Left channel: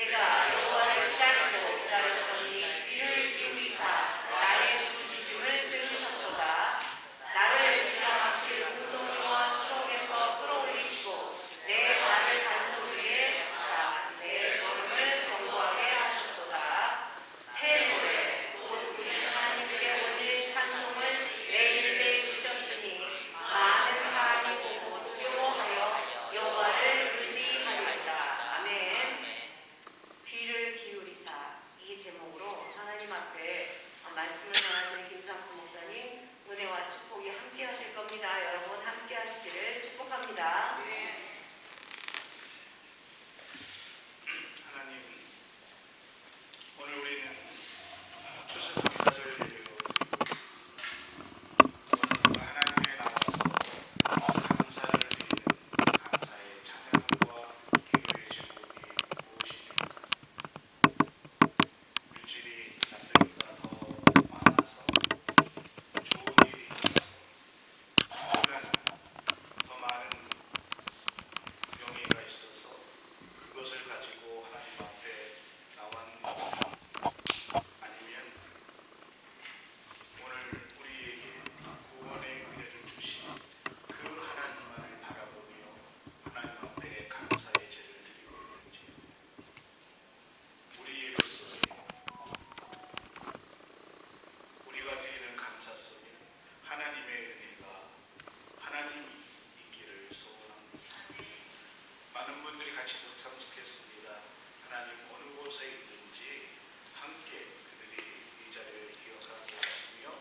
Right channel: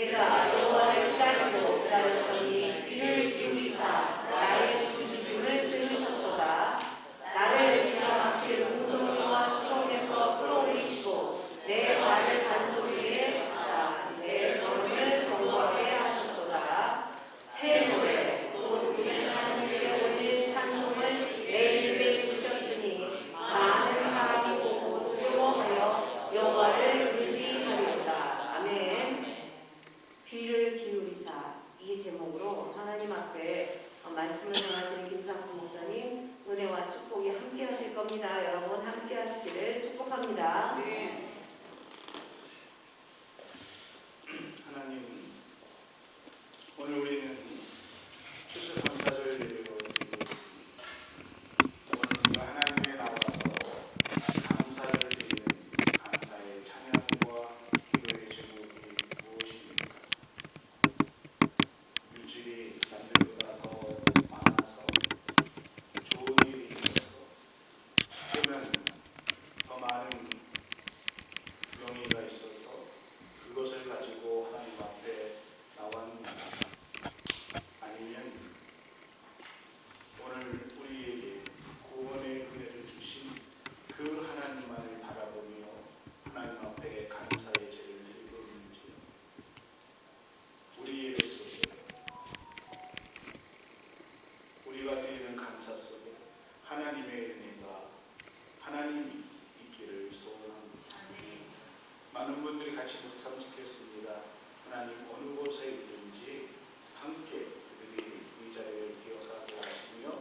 내가 여호와를 기다리고 기다렸더니 귀를 기울이사 나의 부르짖음을 들으셨도다. 나를 기가 막힐 무덤과 수렁에서 끌어올리시고 내 발을 단소 위에 두사 내 걸음을 견고하게 하셨도다. 새 노래 곧 우리 하나님께 올릴 찬송을 내 입에 주셨으니 많은 사람이 보고 두려워하여 여호와를 의지하리로다. 아멘. 귀를 기울이사, 이 제목으로 하나님 앞에 말씀을 전하시는 김상수 목사님 은혜와 축복이 함께 하실 겁니다. 여러분 함께 하시기를 축복합니다. 하나님, 오늘 우리는 추수 감사절을 예배로 드리고 있습니다. 오늘 하나님께 나와서 감사를 드리는 감사의 찬양과 기도의 제목이 무엇입니까? 물질이 남들보다 더 많아서, 좋은 일이 있어서, 또는 더 많은 명예가 있어서 그것을 가지고 하나님 앞에 나왔는지, 아니면 오늘 우리에게 구원의 은혜를 주신 그 하나님만을 바라보며 하나님 앞에 감사의 제를 드리고 있는지, 우리 예배 속에, 우리가 드리는 감사 속에 하나님의 은혜가, 하나님이 있기를 소원합니다. 많은 분들이 같이 묵상하셨습니다. 하나님 어느 곳에 있든지 함께 그들이 이 자리를 기억하게 하시며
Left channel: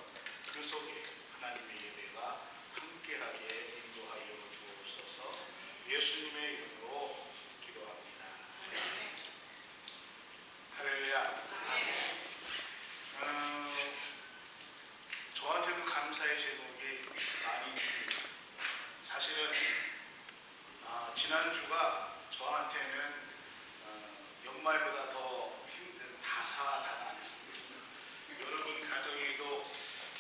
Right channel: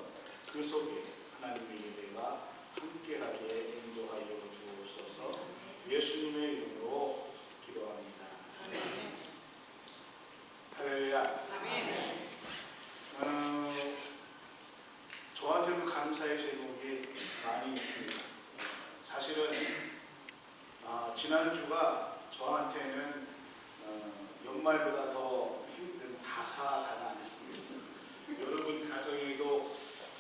그 속에 하나님의 예배가 함께하게 인도하여 주옵소서. 예수님의 이름으로 기도합니다. 할렐루야. 저한테도 감사의 제목이 많이 있습니다. 사실은 지난주가 저한테는 연말보다 더 힘든 다사다난했습니다. 여러분 가정에도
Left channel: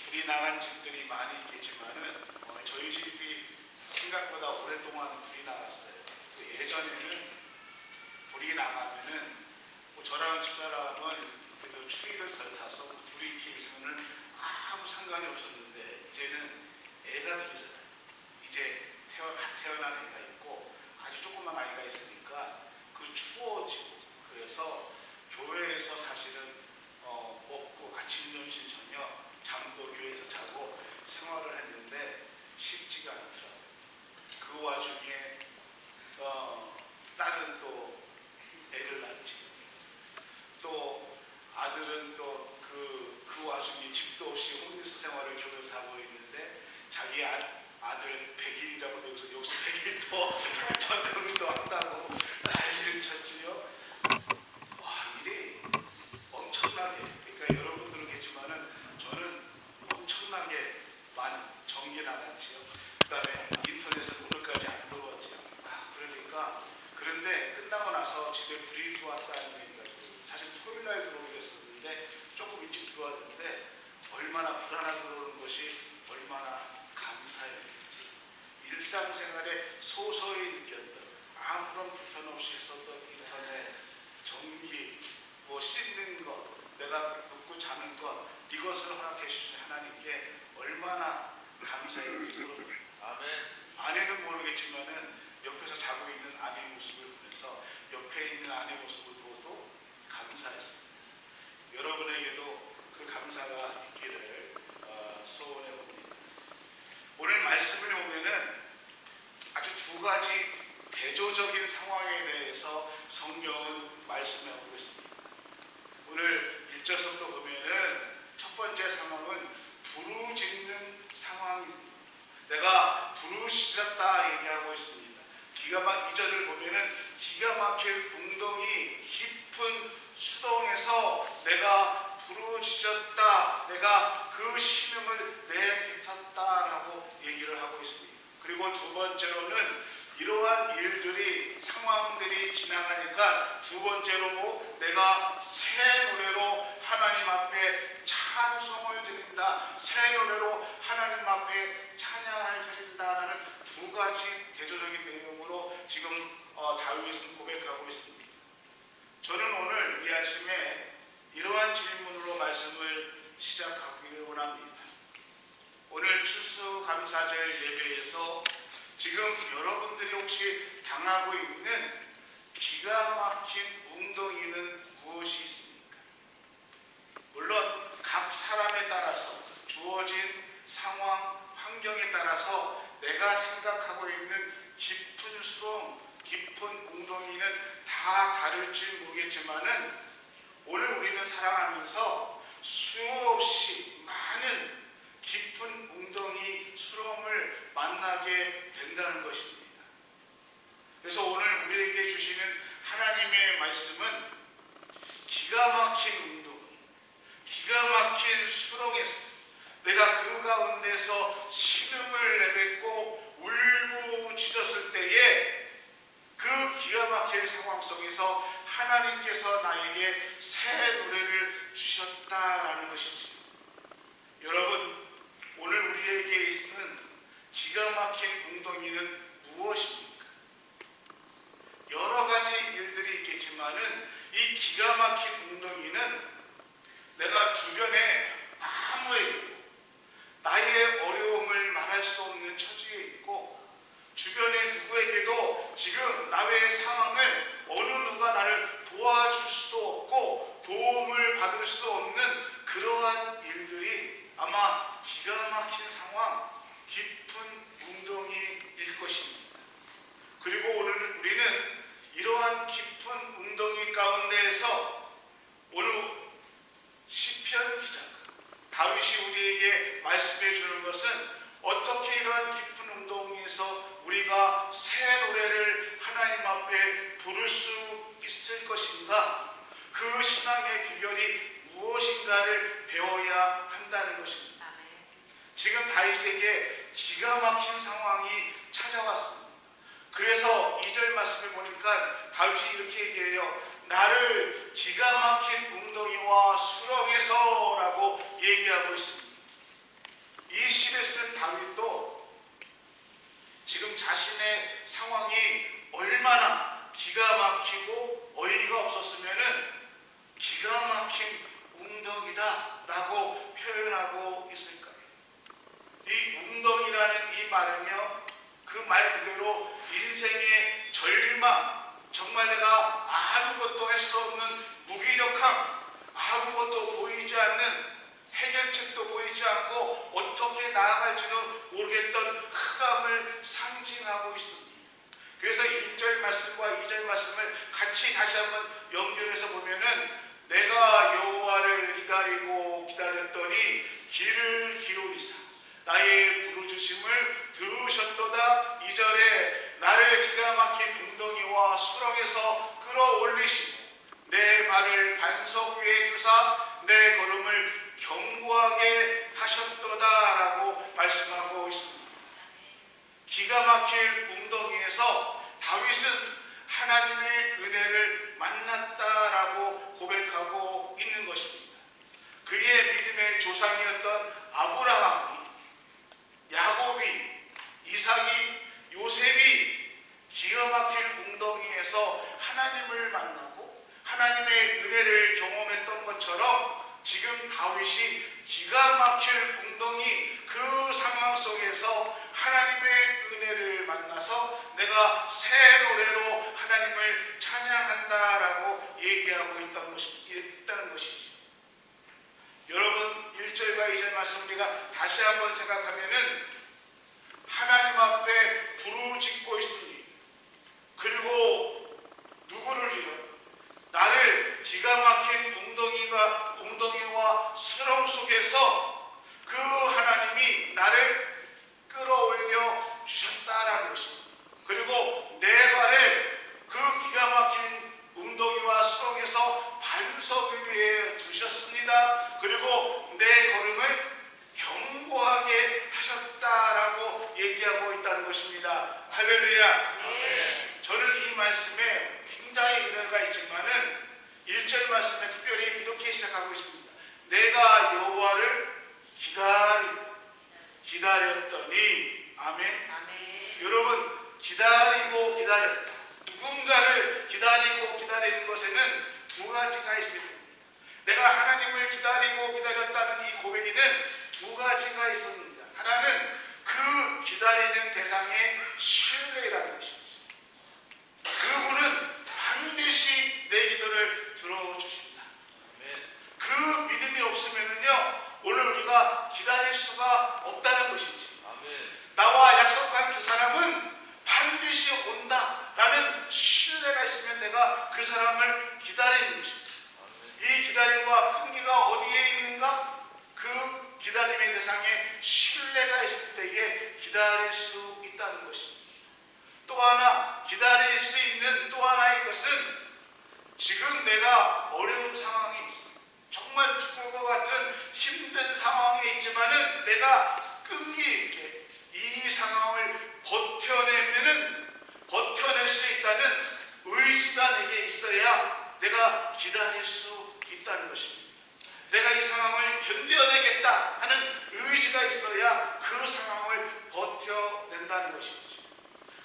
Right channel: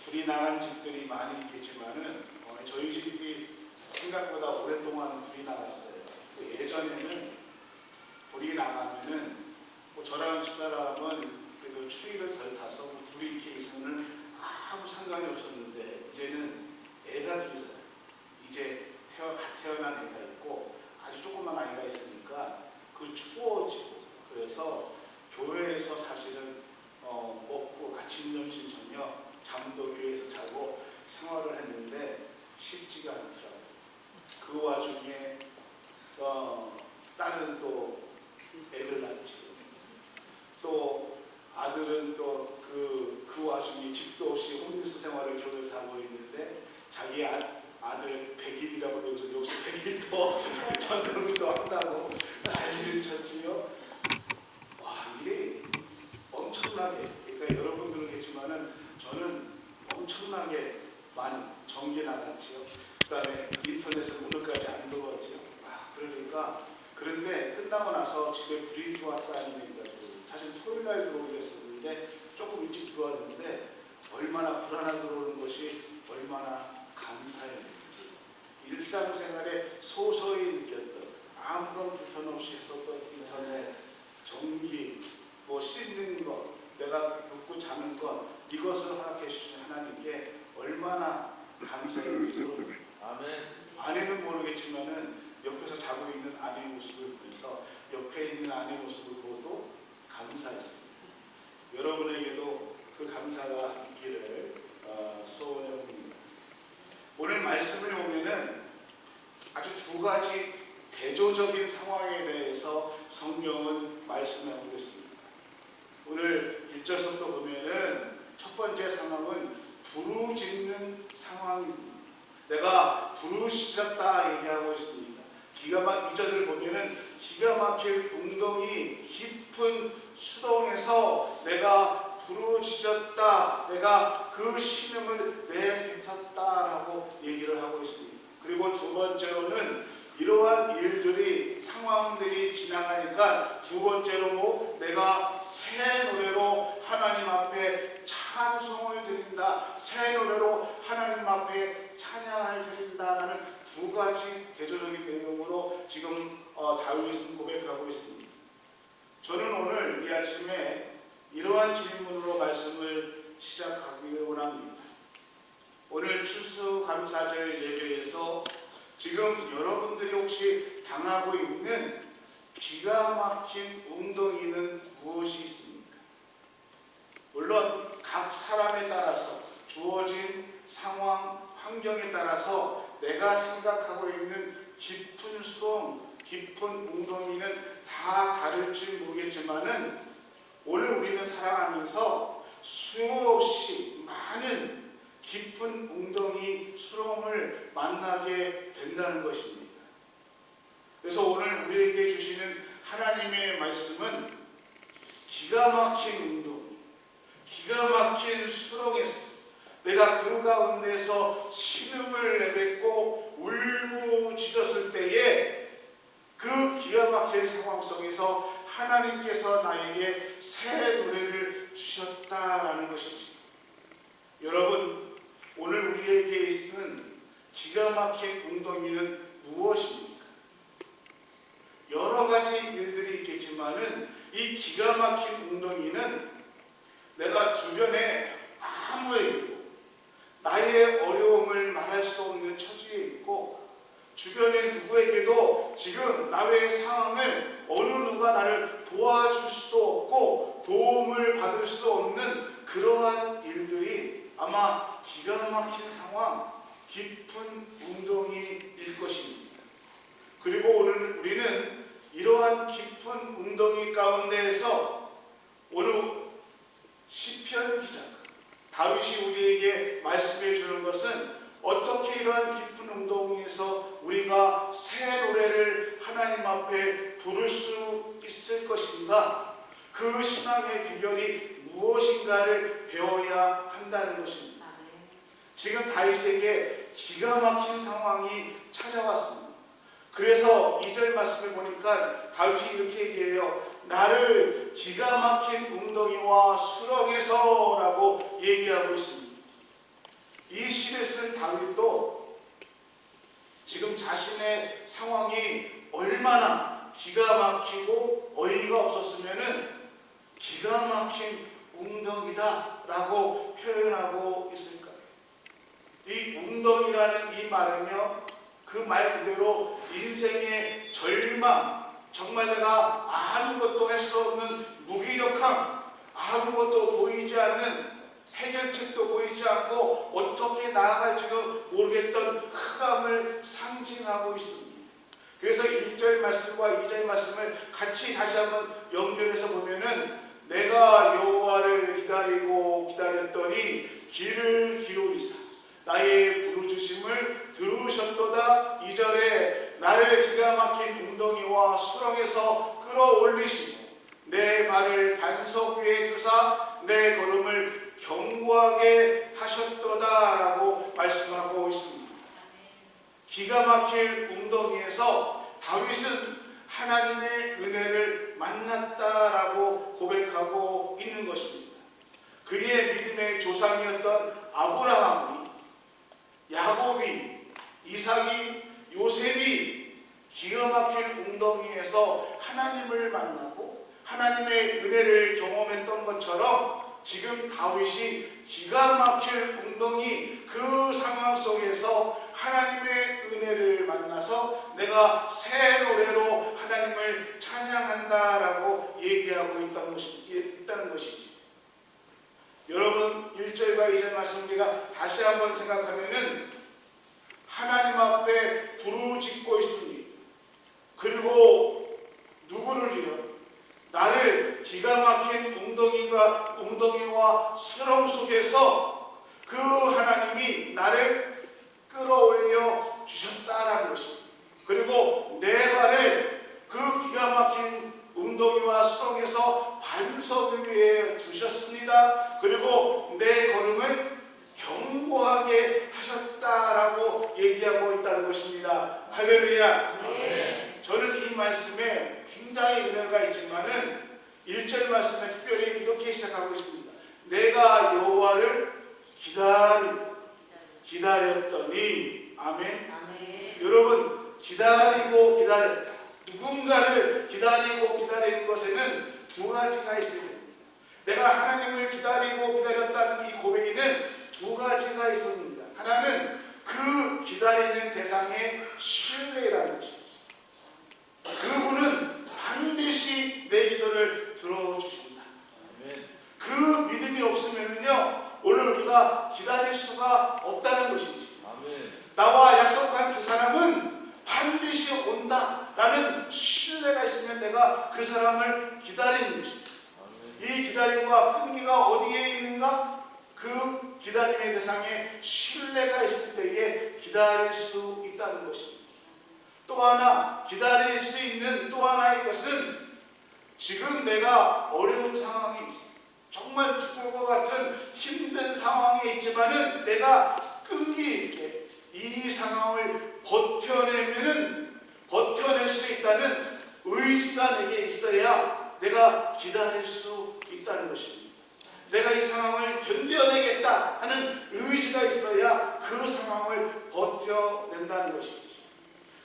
불이 나간 집들이 많이 있겠지만은 저희 집이 생각보다 오랫동안 불이 나갔어요. 예전에는 불이 나가면은 저랑 집사람은 그래도 추위를 덜 타서 불이 이렇게 있으면은 아무 상관이 없었는데 이제는 애가 둘이잖아요. 이제 갓 태어난 애가 있고 아주 조그만 아이가 있으니까 그 추워지고, 그래서 교회에서 사실은 먹고 아침 점심 저녁 잠도 교회에서 자고 생활을 했는데 쉽지가 않더라고요. 그 와중에 딸은 또 애를 낳지, 또 아들은 또 그 와중에 집도 없이 홈리스 생활을 교회에서 하고 있는데 자기 아들 100일이라고 여기서 100일 더 전도도 한다고 난리를 쳤지요. 와, 일이 엄청나게, 그러니까 여러분들겠지만은 저는 엄청나게 많이 전기 나갔지요. 그다음에 인터넷은 오늘까지 안 들어왔지요. 그러니까, 그런데 끝나고 나서 집에 불이 들어왔다는 얘기가 들어요. 사실 토요일 날 들어오기로 했었는데 조금 일찍 들어왔는데 얼마나 불 하나 들어오는 것이 얼마나 감사했는지, 일상생활에 소소히 느꼈던 아무런 불편 없이 했었던 인터넷, 전기, 씻는 것, 내가 눕고 자는 것, 이것을 허락해 주신 하나님께 얼마나 감사했는지 모릅니다. 아멘. 아내는 모르겠지만은 옆에서 자고 있는 아내의 모습을 보면서 옆에 있는 아내의 모습을 보고도 감사했습니다. 여러분에게도 그 감사가 있기를 소원해 봅니다. 오늘 말씀을 보면은 아주 두 가지 대조적인 상황에 대해서 성경은 말씀하고 있습니다. 오늘 1절부터 보면은 첫 번째 상황은 부르짖는 상황입니다. 내가 부르짖었다 얘기하고 있습니다. 2절을 보면은 기가 막힐 웅덩이 깊은 수동에서 내가 부르짖었다, 내가 그 신음을 내뱉었다라고 얘기를 하고 있습니다. 그리고 두 번째로는 이러한 일들이, 상황들이 지나가니까 두 번째로 내가 새 노래로 하나님 앞에 찬송을 드린다, 새 노래로 하나님 앞에 찬양을 드린다라는 두 가지 대조적인 내용으로 지금 다윗은 고백하고 있습니다. 저는 아침에 이러한 질문으로 말씀을 시작하기를 원합니다. 오늘 추수감사절 예배에서 지금 여러분들이 혹시 당하고 있는 기가 막힌 웅덩이는 무엇이 있습니까? 물론 각 사람에 따라서 주어진 상황, 환경에 따라서 내가 생각하고 있는 깊은 수렁, 깊은 웅덩이는 다 다를지 모르겠지만은 오늘 우리는 살아가면서 수없이 많은 깊은 웅덩이, 수렁을 만나게 된다는 것입니다. 그래서 오늘 우리에게 주시는 하나님의 말씀은 기가 막힌 웅덩이, 기가 막힌 수렁에서 내가 그 가운데서 신음을 내뱉고 울부짖었을 때에 그 기가 막힌 상황 속에서 하나님께서 나에게 새 노래를 주셨다라는 것이죠. 여러분, 오늘 우리에게 있는 기가 막힌 웅덩이는 무엇입니까? 여러 가지 일들이 있겠지만은 이 기가 막힌 웅덩이는 내가 주변에 아무에게도 나의 어려움을 말할 수 없는 처지에 있고 주변의 누구에게도 지금 나의 상황을 어느 누가 나를 도와줄 수도 없고 도움을 받을 수 없는 그러한 일들이 아마 기가 막힌 상황, 깊은 웅덩이일 것입니다. 그리고 오늘 우리는 이러한 깊은 웅덩이 가운데에서 오늘 시편 기자가 다윗이 우리에게 말씀해 주는 것은 어떻게 이러한 깊은 웅덩이에서 우리가 새 노래를 하나님 앞에 부를 수 있을 것인가? 그 신앙의 비결이 무엇인가를 배워야 한다는 것입니다. 지금 다윗에게 기가 막힌 상황이 찾아왔습니다. 그래서 2절 말씀을 보니까 다윗이 이렇게 얘기해요. 나를 기가 막힌 웅덩이와 수렁에서 라고 얘기하고 있습니다. 이 시를 쓴 다윗도 지금 자신의 상황이 얼마나 기가 막히고 어이가 없었으면은 기가 막힌 웅덩이다 라고 표현하고 있을까요? 이 웅덩이라는 이 말은요, 그 말 그대로 인생의 절망, 정말 내가 아무것도 할 수 없는 무기력함, 아무것도 보이지 않는 해결책도 보이지 않고 어떻게 나아갈지도 모르겠던 흑암을 상징하고 있습니다. 그래서 1절 말씀과 2절 말씀을 같이 다시 한번 연결해서 보면은 내가 여호와를 기다리고 기다렸더니 귀를 기울이사 나의 부르짖음을 들으셨도다. 2절에 나를 기가 막힌 웅덩이와 수렁에서 끌어올리시고 내 발을 반석 위에 두사 내 걸음을 견고하게 하셨도다라고 말씀하고 있습니다. 기가 막힐 웅덩이에서 다윗은 하나님의 은혜를 만났다라고 고백하고 있는 것입니다. 그의 믿음의 조상이었던 아브라함이, 야곱이, 이삭이, 요셉이 기가 막힐 웅덩이에서 하나님을 만나고 하나님의 은혜를 경험했던 것처럼 지금 다윗이 기가 막힐 웅덩이 그 상황 속에서 하나님의 은혜를 만나서 내가 새 노래로 하나님을 찬양한다라고 얘기하고 있다는 것이지. 여러분 1절과 2절 말씀 우리가 다시 한번 생각하면은 하나님 앞에 부르짖고 있으니 그리고 누구를요? 나를 기가 막힌 웅덩이와 수렁 속에서 그 하나님이 나를 끌어올려 주셨다라는 것입니다. 그리고 내 발을 그 기가 막힌 웅덩이와 수렁에서 반석 위에 두셨습니다. 그리고 내 걸음을 견고하게 하셨다라고 얘기하고 있다는 것입니다. 할렐루야. 네. 저는 이 말씀에 굉장히 은혜가 있지만은 1절 말씀에 특별히 이렇게 시작하고 있습니다. 내가 여호와를 기다렸더니 아멘. 아멘. 여러분 기다리고 기다렸다. 누군가를 기다리고 기다리는 것에는 두 가지가 있어야 됩니다. 내가 하나님을 기다리고 기다렸다는 이 고백에는 두 가지가 있습니다. 하나는 그 기다리는 대상의 신뢰라는 것이죠. 그분은 반드시 내 기도를 들어주신다. 그 믿음이 없으면요, 오늘 우리가 기다릴 수가 없다는 것이지. 나와 약속한 그 사람은 반드시 온다라는 신뢰가 있으면 내가 그 사람을 기다리는 것입니다. 이 기다림과 끈기가 어디에 있는가? 그 기다림의 대상에 신뢰가 있을 때에 기다릴 수 있다는 것입니다. 또 하나 기다릴 수 있는 또 하나의 것은 지금 내가 어려운 상황에 있어. 정말 죽을 것 같은 힘든 상황에 있지만은 내가 끈기 있게 이 상황을 버텨낼 수 있다는 의지가 내게 있어야 내가 기다릴 수 있다는 것입니다. 내가 이 상황을 견뎌내겠다 하는 의지가 있어야 그 상황을 버텨낸다는 것이죠.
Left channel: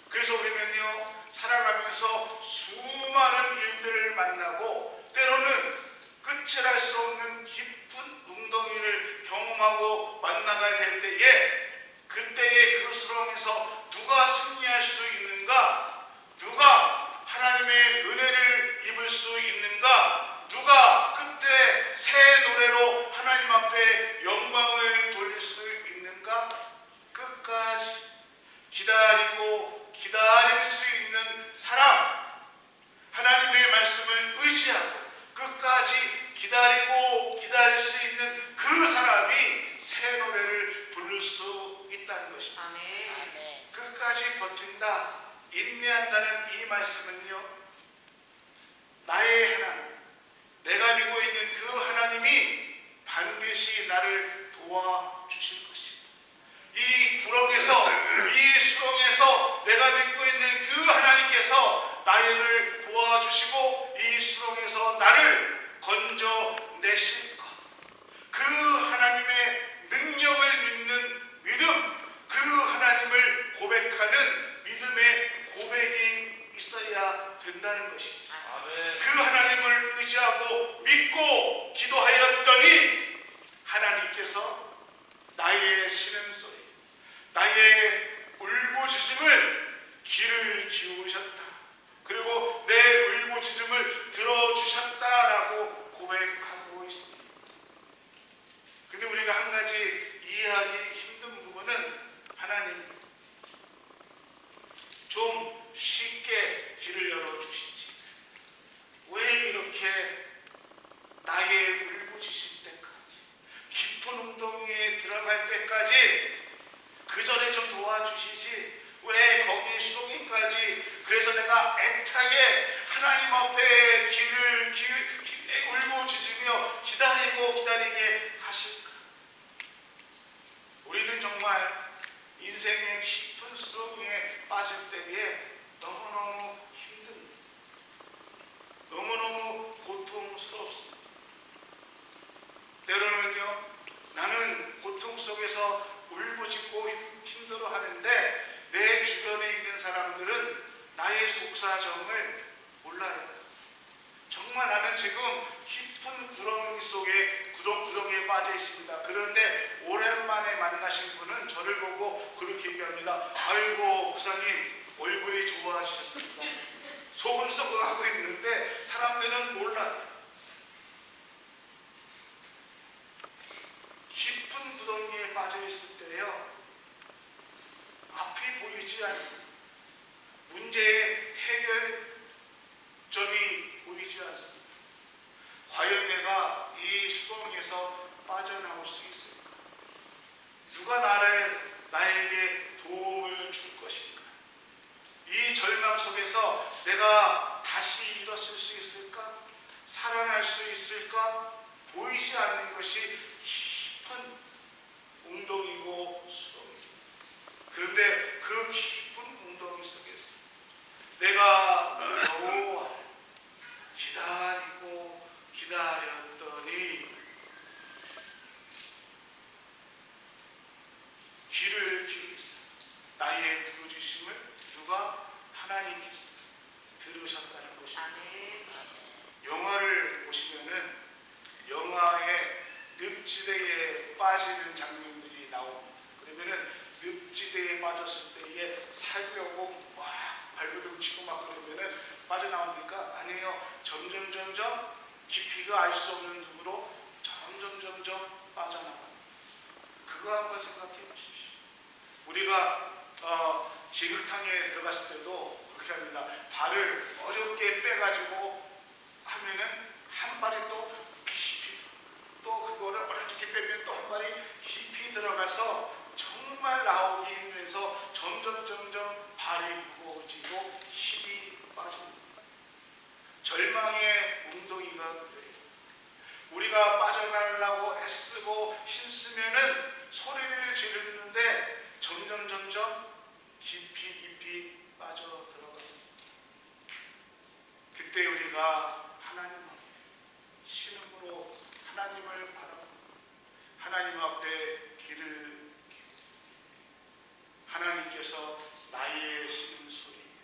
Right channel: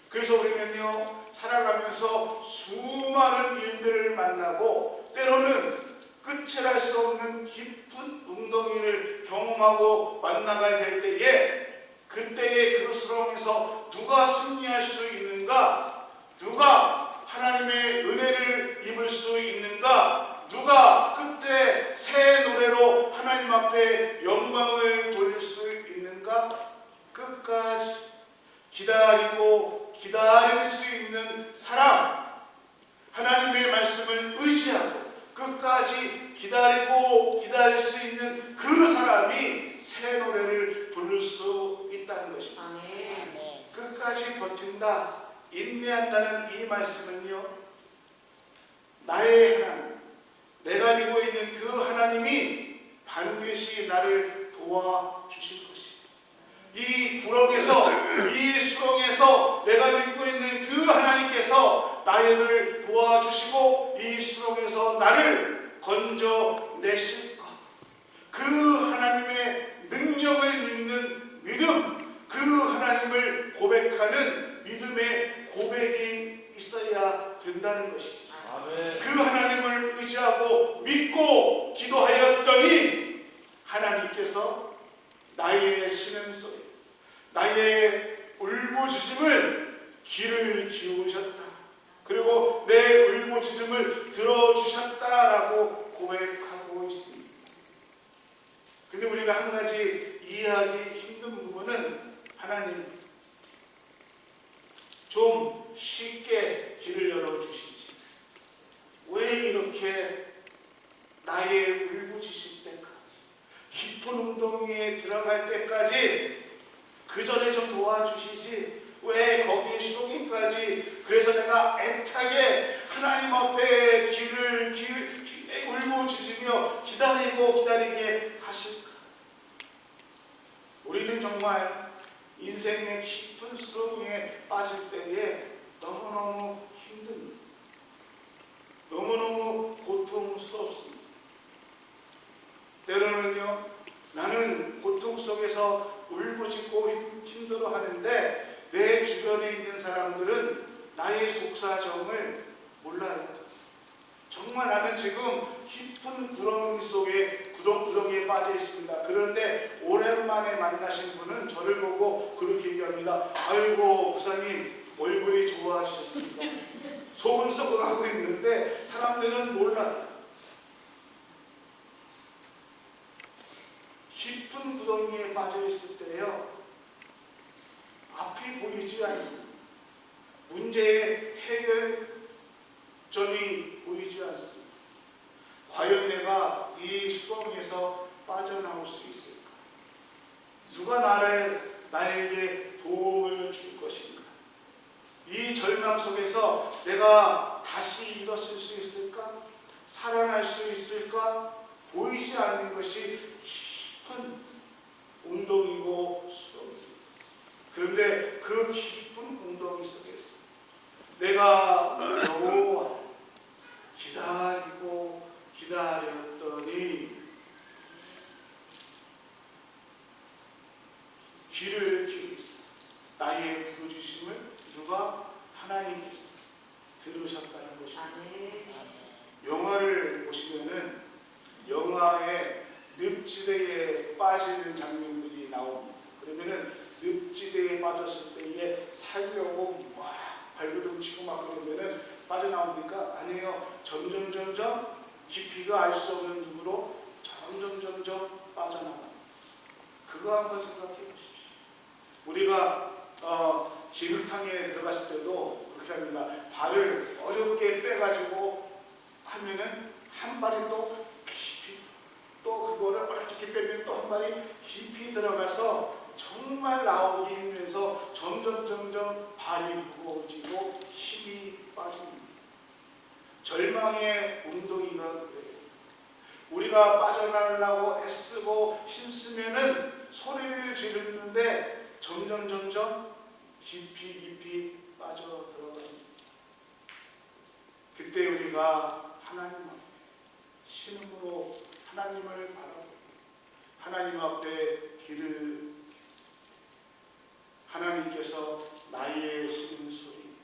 그래서 우리는요, 살아가면서 수많은 일들을 만나고 때로는 끝을 알 수 없는 깊은 웅덩이를 경험하고 만나가야 될 때에 그때의 그 수렁에서 누가 승리할 수 있는가? 누가 하나님의 은혜를 입을 수 있는가? 누가 끝에 새 노래로 하나님 앞에 영광을 돌릴 수 있는가? 끝까지 기다리고 기다릴 수 있는 사람, 하나님의 말씀을 의지하고 끝까지 기다리고 기다릴 수 있는 그 사람이 새 노래를 부를 수 있다는 것입니다. 아멘. 끝까지 버틴다, 인내한다는 이 말씀은요, 나의 하나님, 내가 믿고 있는 그 하나님이 반드시 나를 도와주실 것이다. 이 구렁에서, 이 수렁에서 내가 믿고 있는 그 하나님께서 나를 도와주시고 이 수렁에서 나를 건져내실 것. 그 하나님의 능력을 믿는 믿음, 그 하나님을 고백하는 믿음의 고백이 있어야 된다는 것입니다. 그 하나님을 의지하고 믿고 기도하였더니 하나님께서 나의 신음소리, 나의 울부짖음을 귀를 기울이셨다. 그리고 내 울부짖음을 들어주셨다라고 고백하고 있습니다. 근데 우리가 한 가지 이해하기 힘든 부분은 하나님 좀 쉽게 길을 열어주시지. 왜 이렇게 나의 울부짖을 때까지 깊은 웅덩이에 들어갈 때까지 그 전에 좀 도와주시지. 왜 거기 수렁이까지 그래서 내가 애타게 하나님 앞에 귀를 울부짖으며 기다리고 기다리게 하실까? 우리는 정말 인생의 깊은 수렁에 빠질 때에 너무너무 힘듭니다. 너무너무 고통스럽습니다. 때로는요, 나는 고통 속에서 울부짖고 힘들어 하는데 내 주변에 있는 사람들은 나의 속사정을 몰라요. 정말 나는 지금 깊은 구렁이 속에 구덩이에 빠져 있습니다. 그런데 오랜만에 만나신 분은 저를 보고 그렇게 얘기합니다. 아이고 목사님 얼굴이 좋아지셨습니다. 속은 썩어가고 있는데 사람들은 몰라요. 깊은 구덩이에 빠져 있을 때요, 앞이 보이지 않습니다. 문제의 해결점이 보이지 않습니다. 과연 내가 이 수렁에서 빠져나올 수 있을까? 누가 나에게 도움을 줄 것인가? 이 절망 속에서 내가 다시 일어설 수 있을까? 살아날 수 있을까? 보이지 않는 것이 깊은 웅덩이고 수렁입니다. 그런데 그 깊은 웅덩이 속에서 내가 여호와를 기다리고 기다렸더니 귀를 기울이사 나의 부르짖음을 누가? 하나님께서 들으셨다는 것입니다. 영화를 늪지대에 빠지는 장면들이 나옵니다. 그러면은 늪지대에 빠졌을 때 이게 살려고 막 발버둥 치고 막 그러면은 빠져나옵니까? 아니에요. 점점 깊이가 알 수 없는 늪으로 점점 빠져나갑니다. 그거 한번 생각해 보십시오. 우리가 진흙탕에 들어갔을 때도 그렇게 합니다. 발을 어렵게 빼가지고 하면은 한 발이 또 깊이, 또 그거를 어렵게 빼면 또 한 발이 깊이 들어가서 정말 나오기 힘들면서 점점 발이 무거워지고 힘이 빠집니다. 절망의 웅덩이가 그래요. 우리가 빠져나가려고 애쓰고 힘쓰면은 소리를 지르는데 점점 깊이 빠져 들어갑니다. 그때 우리가 하나님 앞에 신음으로 하나님을 바라보고 하나님 앞에 귀를 하나님께서 나의 신음소리,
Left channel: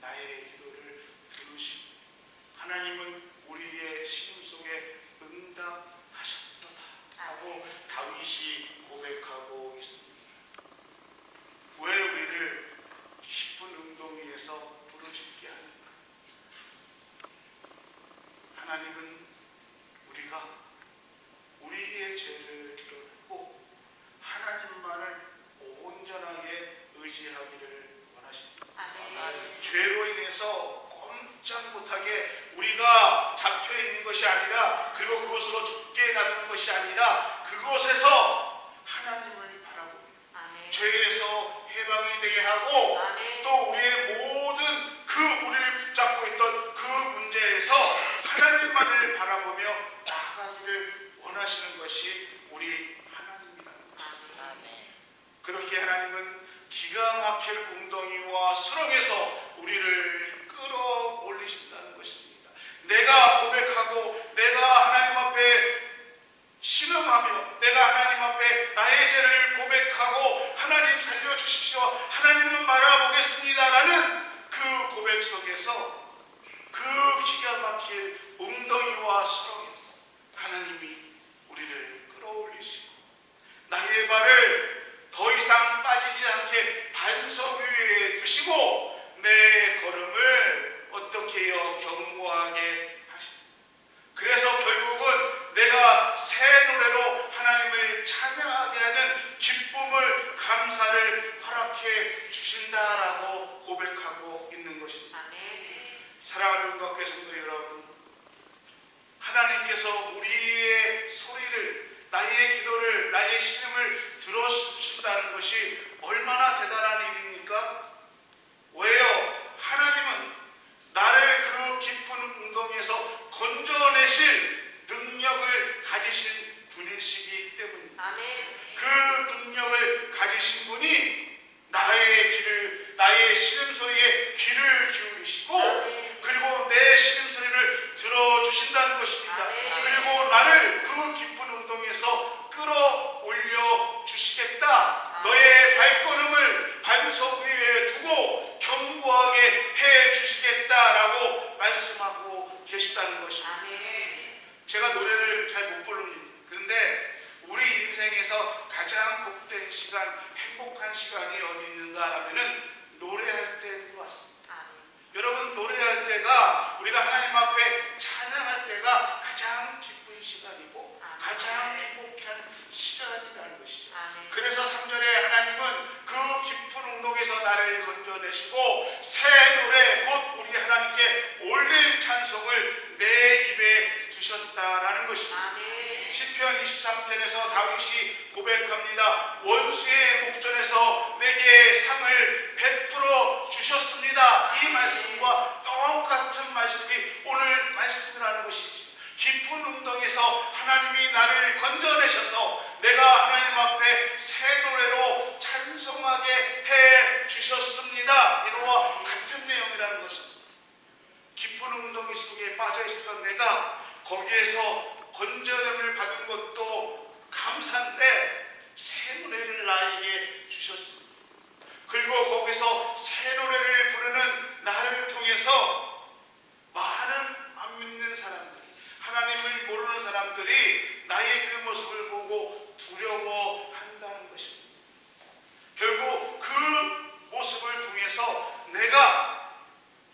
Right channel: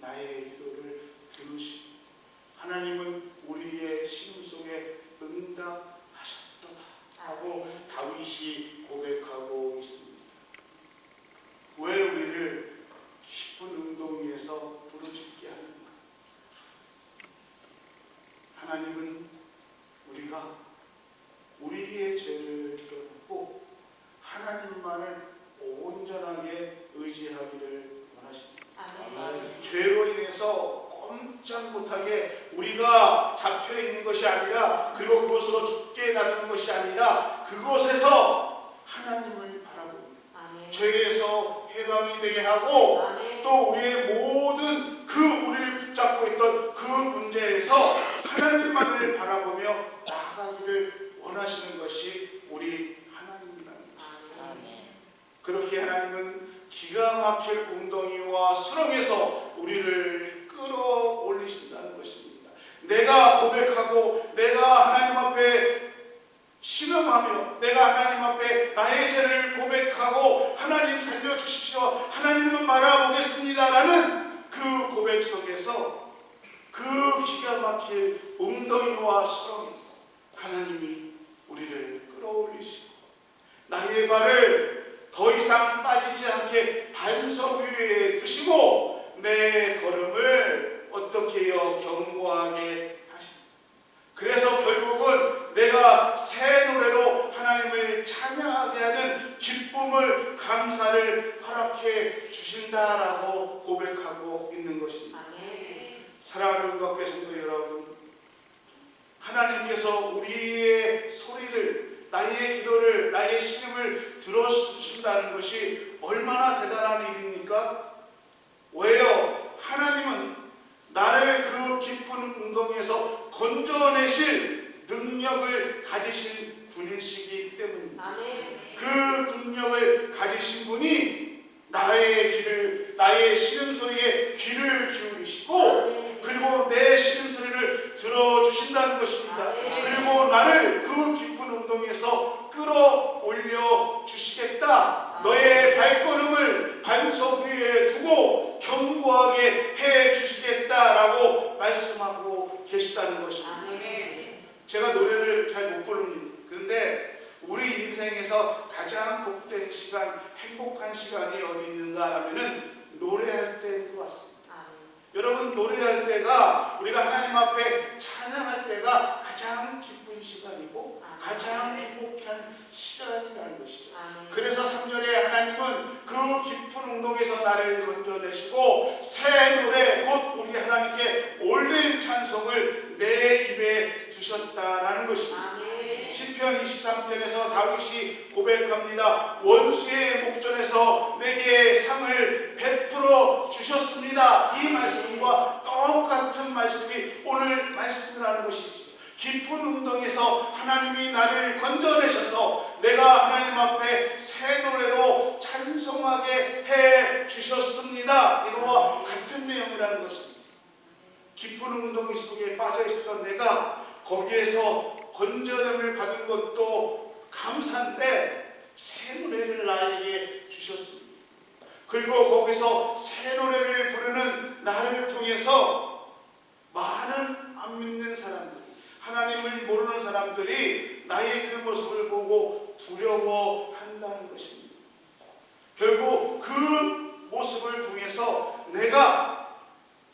나의 기도를 들으시고 하나님은 우리의 신음 속에 응답하셨도다 하고 다윗이 고백하고 있습니다. 왜 우리를 깊은 웅덩이에서 부르짖게 하는가? 하나님은 우리가 우리의 죄를 드러내고 하나님만을 온전하게 의지하기를 원하십니다. 아멘. 죄로 인해서 꼼짝 못하게 우리가 잡혀있는 것이 아니라, 그리고 그것으로 죽게 놔두는 것이 아니라 그곳에서 하나님을 바라보고 죄에서 해방이 되게 하고 아멘. 또 우리의 모든 그 우리를 붙잡고 있던 그 문제에서 하나님만을 바라보며 나아가기를 원하시는 것이 우리 하나님이라는 것입니다. 그렇게 하나님은 기가 막힐 웅덩이와 수렁에서 우리를 끌어올리신다는 것입니다. 내가 고백하고 내가 하나님 앞에 신음하며 내가 하나님 앞에 나의 죄를 고백하고 하나님 살려주십시오, 하나님만 바라보겠습니다 라는 그 고백 속에서 그 기가 막힐 웅덩이와 수렁에서 하나님이 우리를 끌어올리시고 나의 발을 더 이상 빠지지 않게 반석 위에 두시고 내 걸음을 어떻게 해요? 견고하게 하십니다. 그래서 결국은 내가 새 노래로 하나님을 찬양하게 하는 기쁨을, 감사를 허락해 주신다라고 고백하고 있는 것입니다. 사랑하는 교회 성도 여러분, 하나님께서 우리의 소리를, 나의 기도를, 나의 신음을 들어주신다는 것이 얼마나 대단한 일입니까? 왜요? 하나님은 나를 그 깊은 웅덩이에서 건져내실 능력을 가지신 분이시기 때문입니다. 그 능력을 가지신 분이 나의 귀를, 나의 신음소리에 귀를 기울이시고 그리고 내 신음소리를 들어주신다는 것입니다. 그리고 나를 그 깊은 웅덩이에서 끌어올려 주시겠다, 너의 발걸음을 반석 위에 두고 견고하게 해 주시겠다라고 말씀하고 계시다는 것입니다. 제가 노래를 잘 못 부릅니다. 그런데 우리 인생에서 가장 복된 시간, 행복한 시간이 어디 있는가 하면은 노래할 때인 것 같습니다. 여러분, 노래할 때가, 우리가 하나님 앞에 찬양할 때가 가장 기쁜 시간이고 가장 행복한 시간이라는 것이죠. 그래서 3절에 하나님은 그 깊은 웅덩이에서 나를 건져내시고 새 노래, 곧 우리 하나님께 올릴 찬송을 내 입에 두셨다라는 것입니다. 시편 23편에서 다윗이 고백합니다. 원수의 목전에서 내게 상을 베풀어 주셨습니다. 이 말씀과 똑같은 말씀이 오늘 말씀이라는 것이죠. 깊은 웅덩이에서 하나님이 나를 건져내셔서 내가 하나님 앞에 새 노래로 찬송하게 해 주셨습니다. 이거와 같은 내용이라는 것입니다. 깊은 웅덩이 속에 빠져 있었던 내가 거기에서 건져냄을 받은 것도 감사인데 새 노래를 나에게 주셨습니다. 그리고 거기서 새 노래를 부르는 나를 통해서 많은 안 믿는 사람들이, 하나님을 모르는 사람들이 나의 그 모습을 보고 두려워한다는 것입니다. 결국 그 모습을 통해서 내가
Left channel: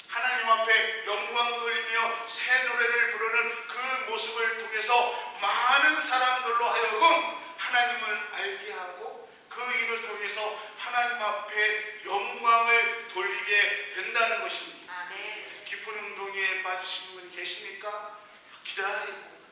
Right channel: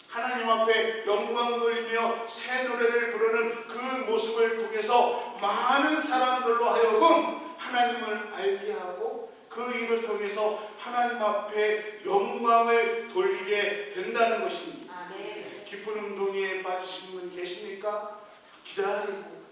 하나님 앞에 영광 돌리며 새 노래를 부르는 그 모습을 통해서 많은 사람들로 하여금 하나님을 알게 하고 그 일을 통해서 하나님 앞에 영광을 돌리게 된다는 것입니다. 아멘. 깊은 운동에 빠지신 분 계십니까?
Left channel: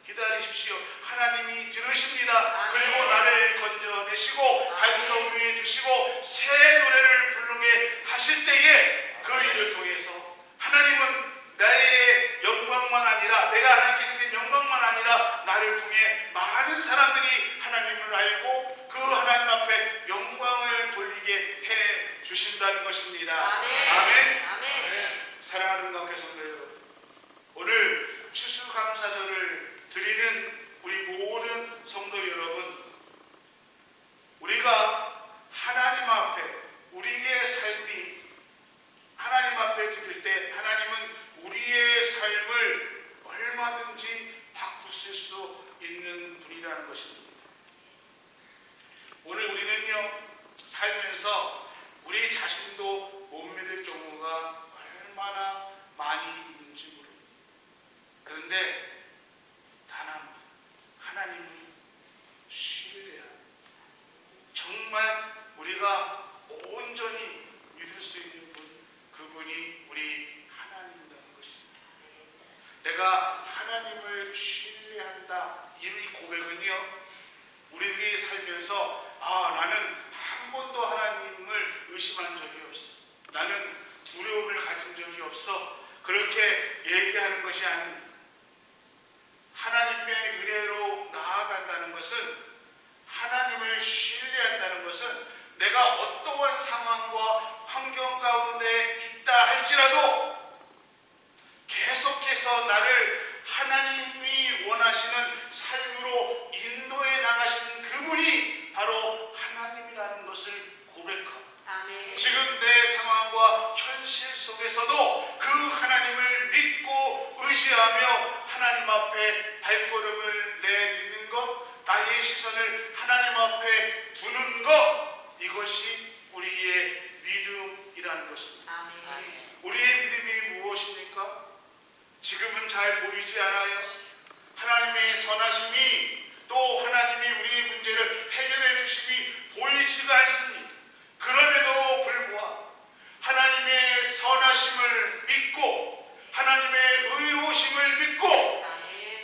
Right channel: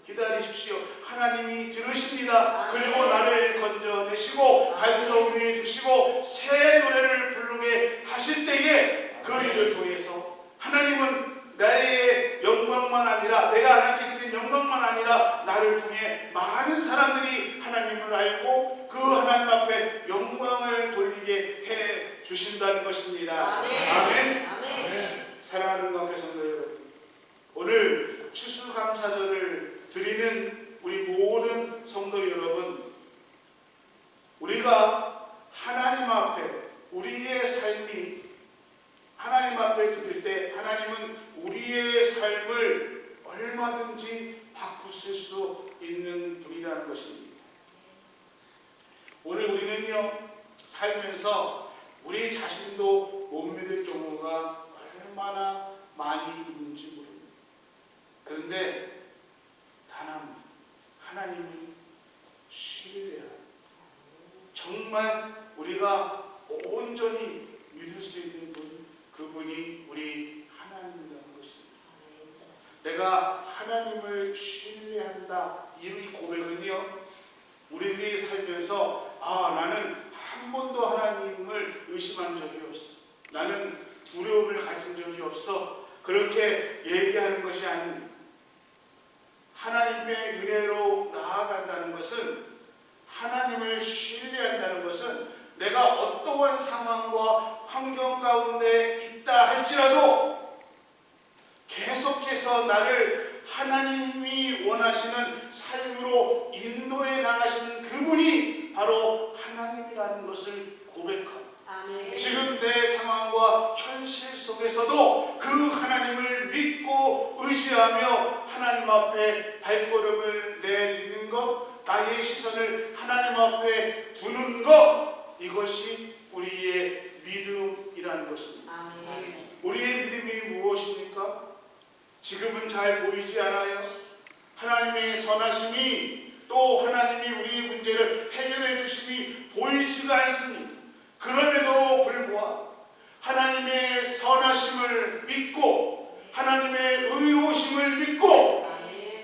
기다리십시오. 하나님이 들으십니다. 그리고 나를 건져내시고 반석 위에 두시고 새 노래를 부르게 하실 때에 그 일을 통해서 하나님은 나의 영광만 아니라 내가 하나님께 드린 영광만 아니라 나를 통해 많은 사람들이 하나님을 알고 그 하나님 앞에 영광을 돌리게 해 주신다는 것입니다. 아멘. 아멘. 아멘. 사랑하는 가운데 성도 여러분, 오늘 추수감사절을 드리는 우리 모든 성도 여러분, 우리가 하나님 앞에 우리의 삶이 하나님 앞에 드릴 때 하나님은 우리의 삶을 얼마든지 바꾸실 수 있는 분이라는 것입니다. 오늘 우리는요, 살면서 우리 자신도 못 믿을 경우가 얼마나 많이 있는지 모릅니다. 그런데 단 한 분, 하나님을 신뢰하고 정말 우리가 온전히 믿을 수 있는 분, 그분이 우리 하나님이라는 것입니다. 내가 하나님을 신뢰한다, 이 고백은요, 우리들이 살면서 나는 한 번도 하나님을 의심한 적이 없어, 나는 두려움을 가진 적이 없어, 그렇게 얘기하는 것이 아닙니다. 하나님의 은혜로 나아간다는 것은, 하나님을 신뢰한다는 것은 내가 어떠한 상황과 환경 가운데 있다 할지라도 계속해서 나를 하나님이 원하시는 삶으로 인도해 나가시는 그분이 바로 하나님이라는 것을 고백하고, 아멘. 지금 내 상황과 현실 속에서도 그 하나님을 믿고 의지하며 하나님 앞에 발걸음을 내딛는 것, 나의 시선을 하나님 앞에 두는 것, 이것이 우리의 믿음이라는 것입니다. 아멘. 우리의 믿음이 무엇입니까? 지금은 잘 보이지 않아요. 하나님의 선하심이, 또 하나님이 우리의 문제를 해결해 주심이 보이지가 않습니다. 그럼에도 불구하고 하나님의 선하심을 믿고 하나님의 의로우심을 믿고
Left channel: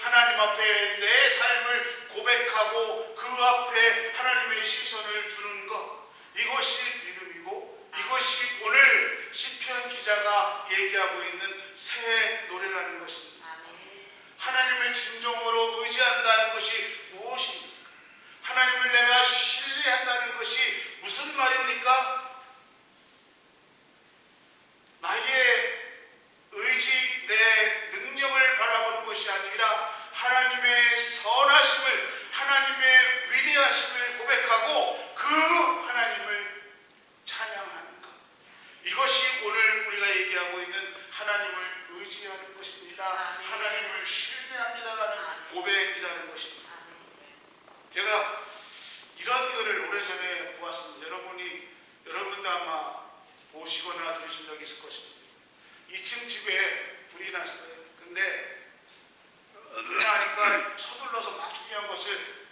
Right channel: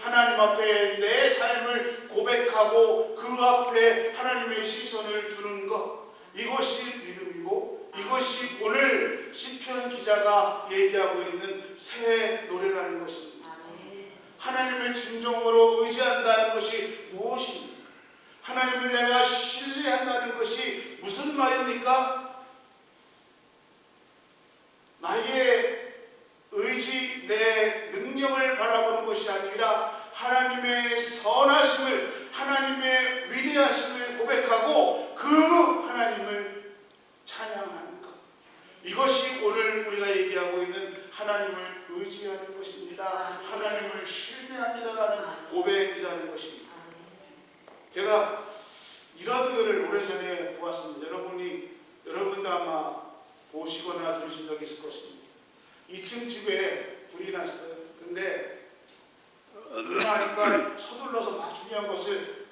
하나님 앞에 내 삶을 고백하고 그 앞에 하나님의 시선을 두는 것, 이것이 믿음이고 이것이 오늘 시편 기자가 얘기하고 있는 새 노래라는 것입니다. 하나님을 진정으로 의지한다는 것이 무엇입니까? 하나님을 내가 신뢰한다는 것이 무슨 말입니까? 나의 의지, 내 능력을 바라보는 것이 아니라 하나님의 선하심을, 하나님의 위대하심을 고백하고 그 하나님을 찬양하는 것, 이것이 오늘 우리가 얘기하고 있는 하나님을 의지하는 것입니다. 하나님을 신뢰합니다라는 고백이라는 것입니다. 제가 이런 글을 오래전에 보았습니다. 여러분도 아마 보시거나 들으신 적이 있을 것입니다. 2층 집에 불이 났어요. 근데 불이 나니까 서둘러서 막 중요한 것을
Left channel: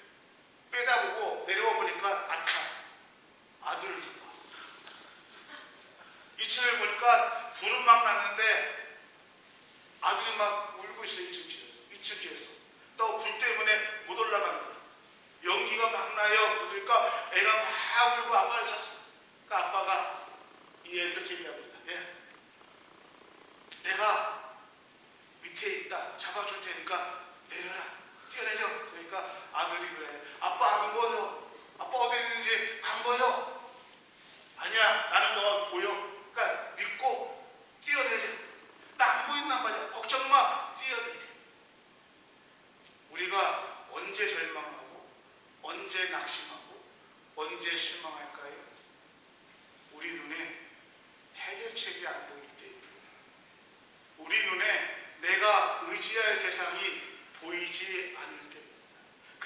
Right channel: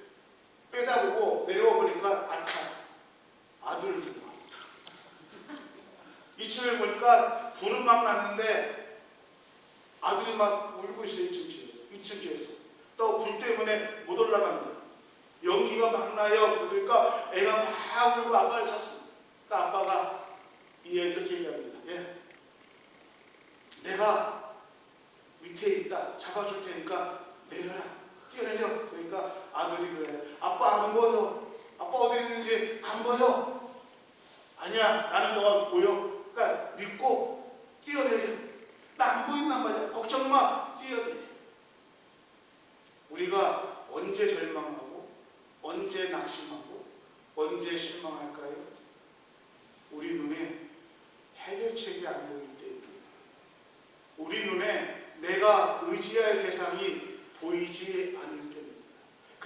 빼다 보고 내려와 보니까 아들을 두고 왔어요. 2층을 보니까 불은 막 났는데 아들이 막 울고 있어요. 2층 집에서. 또 불 때문에 못 올라갑니다. 연기가 막 나요. 그러니까 애가 막 울고 아빠를 찾습니다. 그러니까 아빠가 이렇게 얘기합니다. 내가 밑에 있다. 잡아줄 테니까 내려라. 뛰어내려. 그러니까 아들이 그래. 아빠 안 보여. 아빠 어디 있는지 안 보여. 아니야. 나는 너가 보여. 그러니까 믿고 뛰어내려. 나 안 보인단 말이야. 걱정 마. 뛰어내려. 우리가 언제 절망하고 언제 낙심하고 언제 실망할까요? 우리 눈에 해결책이 안 보이기 때문입니다. 우리 눈에 내가 의지할 대상이 보이지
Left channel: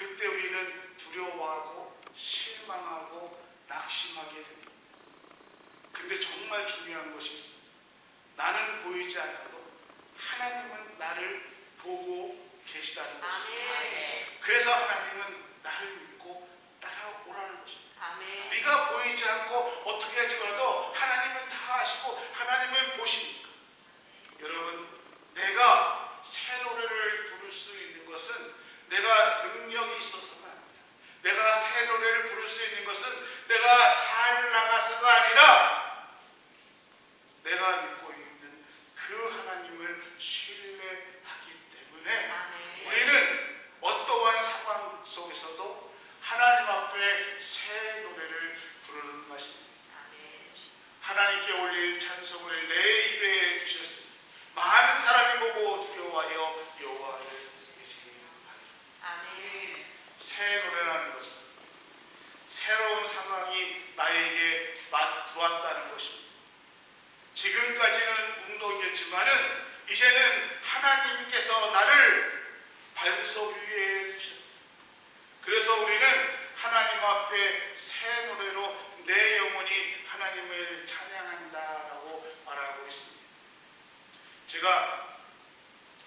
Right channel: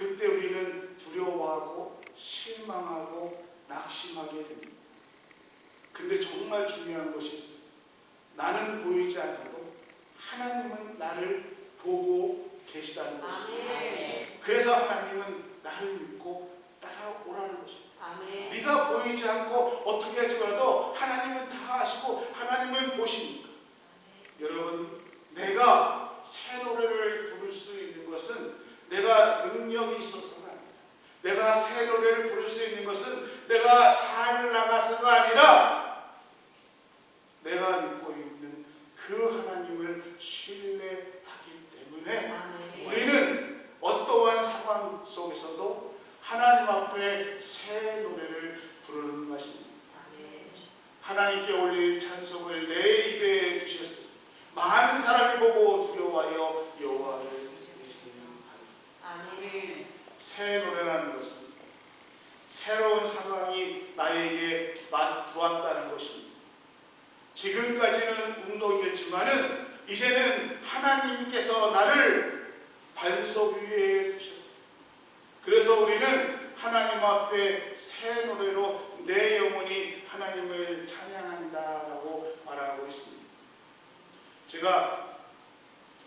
그때 우리는 두려워하고 실망하고 낙심하게 됩니다. 근데 정말 중요한 것이 있어요. 나는 보이지 않아도 하나님은 나를 보고 계시다는 것입니다. 그래서 하나님은 나를 믿고 따라오라는 것입니다. 네가 보이지 않고 어떻게 할지 몰라도 하나님은 다 아시고 하나님은 보시니까. 여러분, 내가 새 노래를 부를 수 있는 것은 내가 능력이 있어서가 아니라, 내가 새 노래를 부를 수 있는 것은 내가 잘 나가서가 아니라 내가 믿고 있는 그 하나님을 신뢰하기 때문에 우리는 어떠한 상황 속에서도 하나님 앞에 새 노래를 부르는 것입니다. 하나님께 올릴 찬송을 내 입에 두셨으니 많은 사람이 보고 두려워하여 여호와를 외치는 하리라. 새 노래라는 것은 새로운 상황이 나에게 들어왔다는 것입니다. 지금까지는 운동이었지만은 이제는 하나님께서 나를 반석 위에 두셨다. 그래서 우리는 하나님 앞에 새 노래로 내 영혼이 하나님을 찬양한다라고 말하고 있습니다. 제가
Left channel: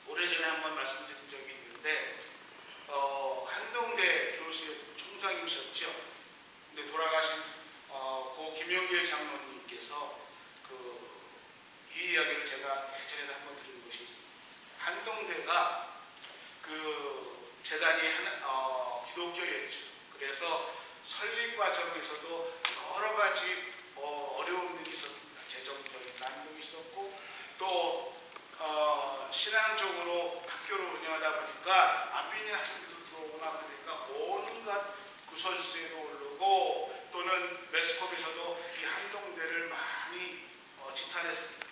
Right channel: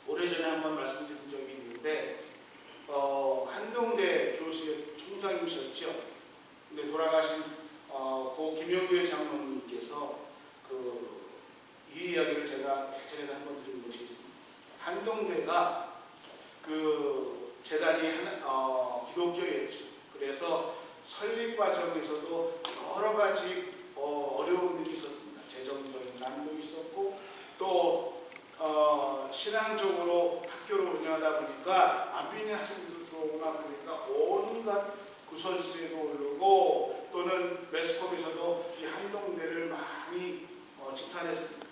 오래전에 한번 말씀드린 적이 있는데 한동대 교수의 총장님이셨죠. 근데 돌아가신 고 김영길 장로님께서 이 이야기를 제가 예전에 한번 드린 것이 있습니다. 한동대가 재단이 기독교였죠. 그래서 설립 과정에서도 여러 가지 어려운 일이 있었습니다. 재정적인 난국이 있었고 또 신앙적으로 학교를 운영하다 보니까 안빈인 학생들도 들어오거나 그러니까 온갖 구설수에도 오르고 또는 매스컴에서도 이 한동대를 많이 지탄했습니다.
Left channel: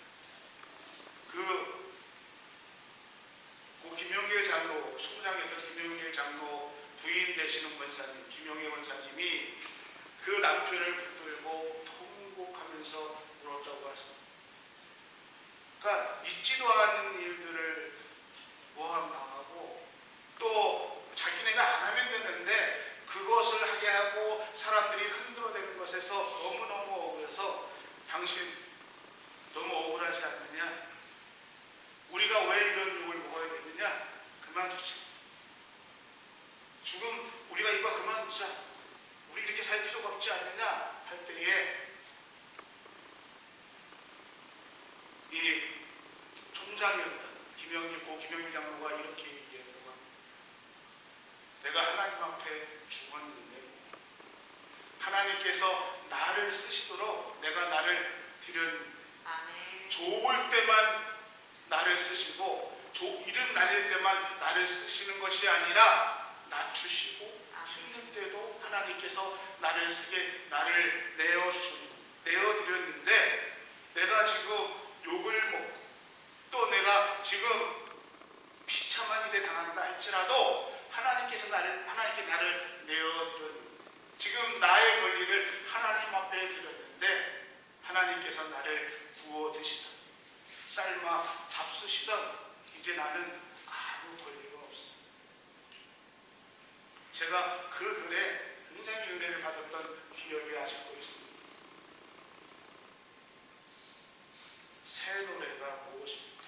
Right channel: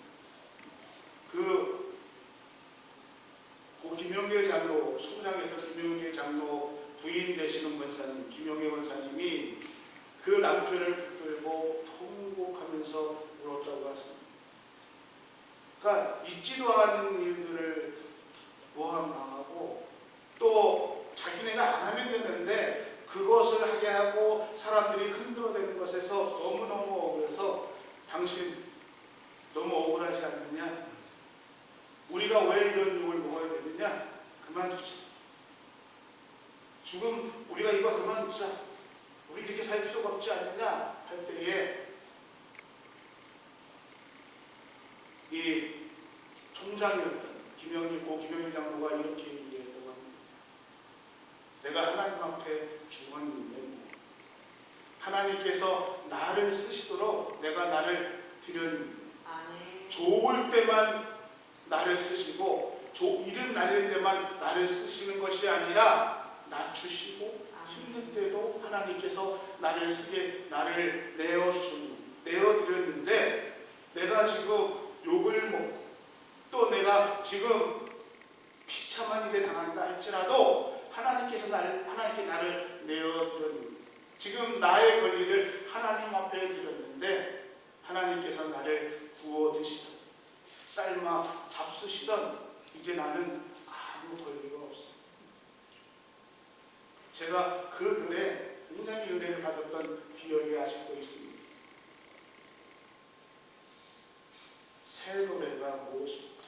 김영길 장로, 총장했던 김영길 장로 부인 되시는 권사님, 김영애 권사님이 그 남편을 붙들고 통곡하면서 울었다고 하십니다. 그러니까 있지도 않은 일들을 모함당하고 또 자기네가 안 하면 되는데 그것을 하게 하고 사람들이 흔들어대는 것에서 너무너무 억울해서 당신 너무 억울하지 않느냐? 우리가 왜 이런 욕을 먹어야 되느냐? 그만두자. 죽음 우리가 이거 그만두자. 우리 이렇게 살 필요가 없지 않느냐? 할 때에 이 총장이었던 고 김영일 장로가 이렇게 얘기했다고 합니다. 내가 하나님 앞에 죽었는데 하나님께서 나를 쓰시도록 내가 나를 드렸는데 좋을 때만 나를 쓰시고 이른 날일 때만 나를 쓰시는 것이 아니라 낮추시고 힘들 때도 하나님께서 나를 쓰게 나를 내어드렸는데 내가 지금 욕을 먹고 또 내가 지금 비참한 일에 당한다 할지라도 하나님께 나를 내어드렸는데 지금 나의 권리를 하나님 앞에 드렸는데 하나님께서 나를 구워 드시던 삶아 잡수시던 이제 나는 아무 권리가 없어. 제가 그 글에 굉장히 은혜를 받았던 기억이 아직도 있습니다. 새 노래가 무엇입니까?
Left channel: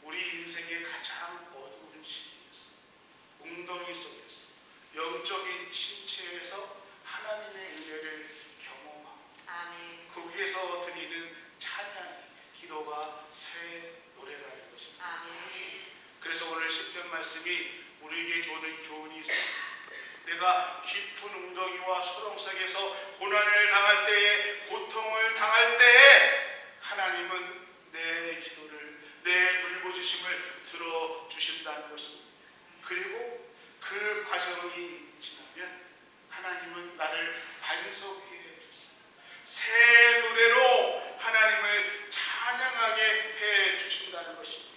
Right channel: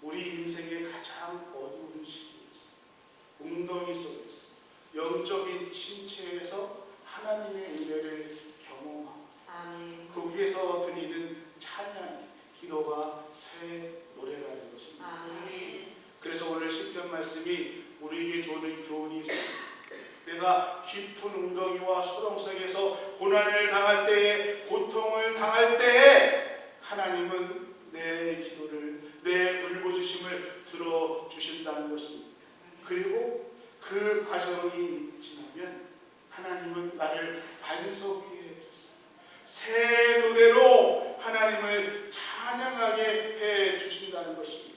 우리 인생의 가장 어두운 시기에서 웅덩이 속에서 영적인 침체에서 하나님의 은혜를 경험하고 거기에서 드리는 찬양이 기도가 새 노래라는 것입니다. 그래서 오늘 10편 말씀이 우리에게 주는 교훈이 있습니다. 내가 깊은 웅덩이와 수렁 속에서 고난을 당할 때에 고통을 당할 때에 하나님은 내 기도를 내 울부짖음을 들어주신다는 것입니다. 그리고 그 과정이 지나면 하나님은 나를 반석 위에 두사 새 노래로 하나님을 찬양하게 해 주신다는 것입니다.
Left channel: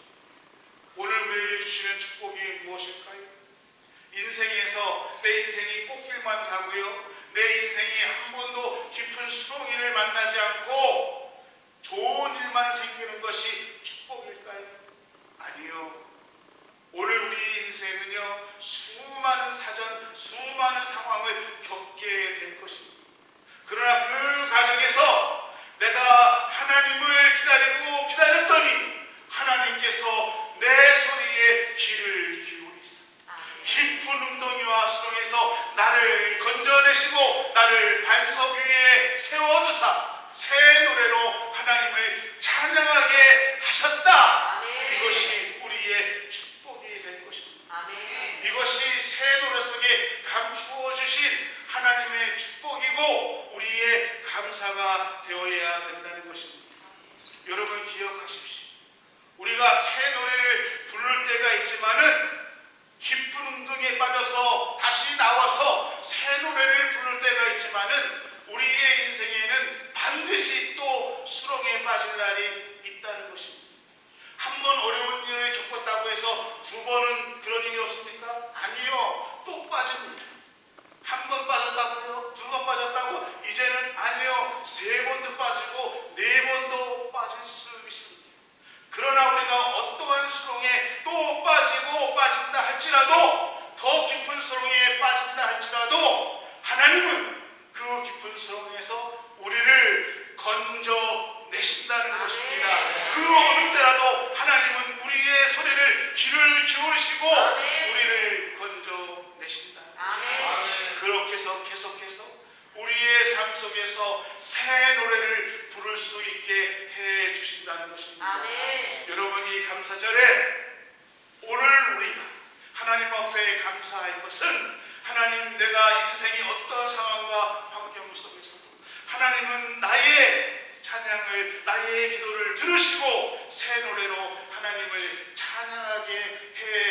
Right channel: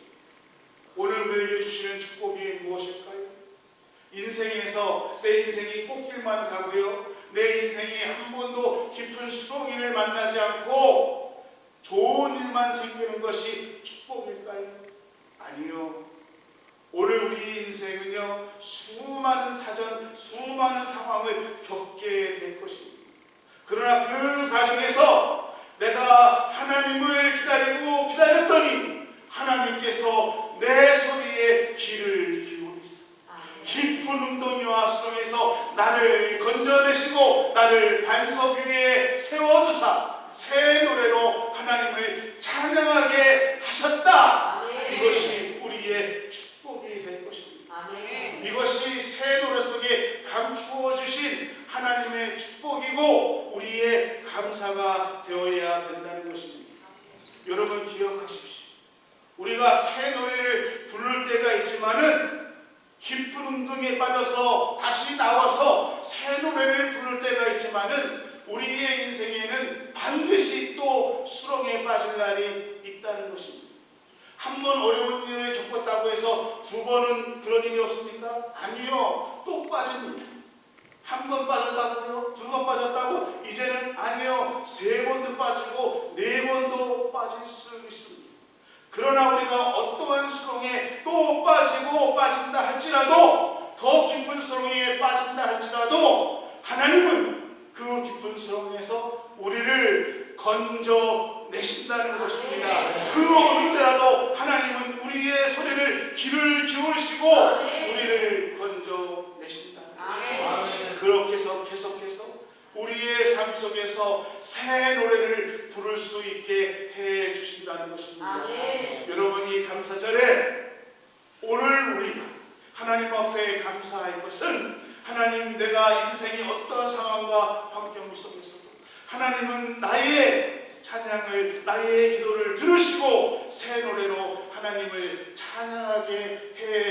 오늘 우리에게 주시는 축복이 무엇일까요? 인생에서 내 인생이 꽃길만 가고요. 내 인생이 한 번도 깊은 수렁이를 만나지 않고 좋은 일만 생기는 것이 축복일까요? 아니요. 오늘 우리 인생 인생은요 수많은 사전, 수많은 상황을 겪게 될 것입니다. 그러나 그 과정에서 내가 하나님을 기다렸더니 하나님께서 내 소리에 귀를 기울이사 깊은 웅덩이와 수렁에서 나를 건져내시고 나를 반석 위에 세워두사 새 노래로 하나님을 찬양하게 하셨다. 이것이 우리의 축복이 될 것입니다. 이것이 새 노래 속에 감추어 주신 하나님의 축복이고 우리의 감사가 되어야 된다는 것입니다. 여러분 기억하십시오. 우리가 새 노래를 부를 때가 있지만은 깊은 웅덩이에 빠져서 다시 나와서 새 노래를 부를 때가 있지만은 우리의 인생에는 반드시 또 수렁에 빠질 날이 있다는 것입니다. 한 번 어려운 일을 겪었다고 해서 두 번은 그런 일이 없습니까? 아니요. 또 빠집니다. 한 번 빠졌다고요? 두 번 빠졌다고? 이제는 아니요. 세 번도 빠지고 네 번도 빠질 수 있습니다. 그러나 우리가 어떠한 수렁에 또 빠지고 빠진다 할지라도 더 깊은 수렁에 빠진다 할지라도 하나님은 그 깊은 수렁에서 우리를 건져내신다는 것입니다. 그 어느 때라도 하나님은 우리의 소리를 귀를 기울이시고 우리를 건져내신다는 것입니다. 그렇게 해서 계속해서 우리의 삶 속에서 새 노래를 부를 수 있게 해 주신다는 것입니다. 여러분 이 감사절에 오늘 우리가 하나님 앞에 감사할 것은 하나님 내가 인생의 어떤 상황과 환경 속에서도 하나님은 나의 찬양을 나의 기도를 들으시고 새 노래로 하나님을 찬양하게 해